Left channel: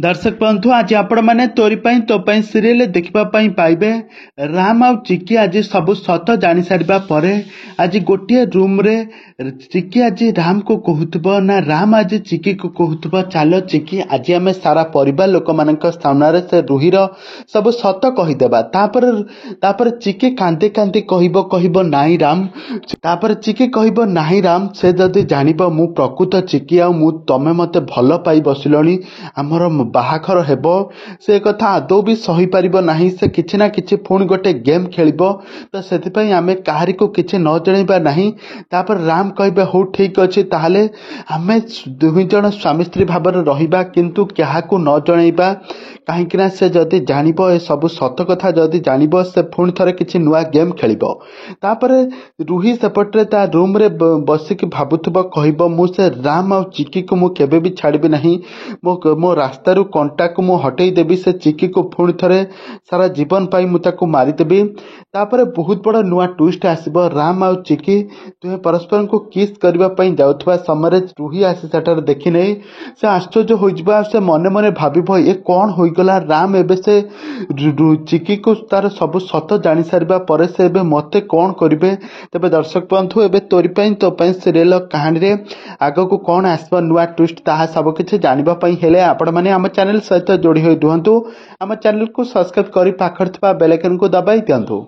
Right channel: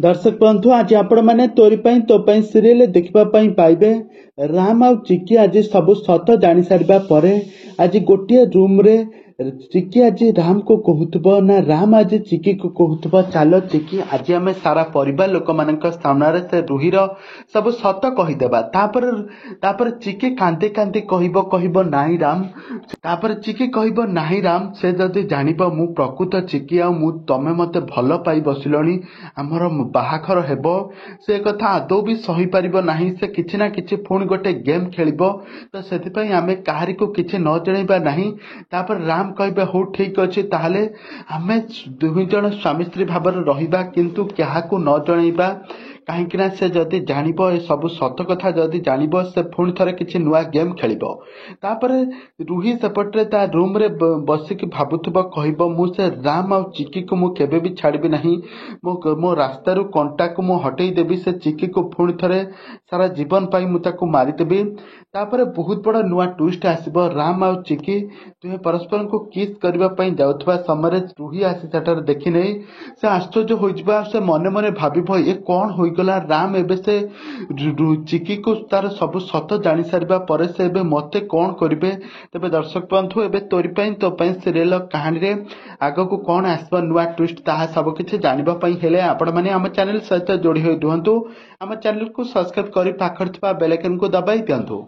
दर्शक बंधु आज आपण मैंने तोरी तो सीरियल देखा पाइबे राम आउ चिकी आज सब सत जानी सारिबा परे आज गोटे रूम रे चिकी आज राम को कहूथबो ना राम आज चिकी को कहूथबो चलो चिकी आज आम सारा परिवार लोक मान सामने से रुहीर सब सत कहीदेबा तापर चिकी कांदे कांदे कहबो नाई राम तापर चिकी कहबो नाई राम से जदि जानिबो मु प्रकृत चिकी आ मु तमे मते भल पाई बसिलणी हमर बाहाघर हेबो से कथा आदौ भी सही पारिबो नाही से किछि ना किछि पुणी गोटे गेम खेलिबो तो सेतिपई आमे काहारी को किछि न जणैबा नाही तापर राम कहबे हो ठीक अछि ताहले आमे दुहि जण स्वामी स्त्री भाबर रहिबा किंतु क्याहाकू न जणैबा काहीकिना से जदि जानिबो ए सब सत कथा जदि जानिबो से पुणी थरे किछि नुआ गेम खेलिबो तापर रुही सेपटरे ता रूम रे बसिक भाबुथबो कहबो मु से राम आ चिकी को मु केबे भी छाड़बी नाही मो रास्ता कंटा को मु हटई देवी से चिकी को पुणी थरे सारा जीवन पाई मु ताको मारिदेवी तापर बहुत बड़ा नुआ ट्विस्ट आसीबो राम आ चिकी तुहे परस्पर को किस करबा पई जाउथबा समय रुही आसी सेटर देखि नै से आश्चर्य होई जबा से मने मने भाबिबो ए कोन होई गला राम एबे से चिकी को तार सब सत जानि सारिबा परे से एबे मते कोन करिवे तबे दर्शक बंधु एबे तोरी पई तो पई सीरियल कहानी रे आगो को कोन आसबा नुआ ट्विस्ट ताहा सब किछि जानिबा पई हेले आपण माने हम चैनल सहित जोड़ी होई रुहंतु हम चैनल को सब्सक्राइब करी पाखर थबा बेल आइकन को दबाई दियंतु।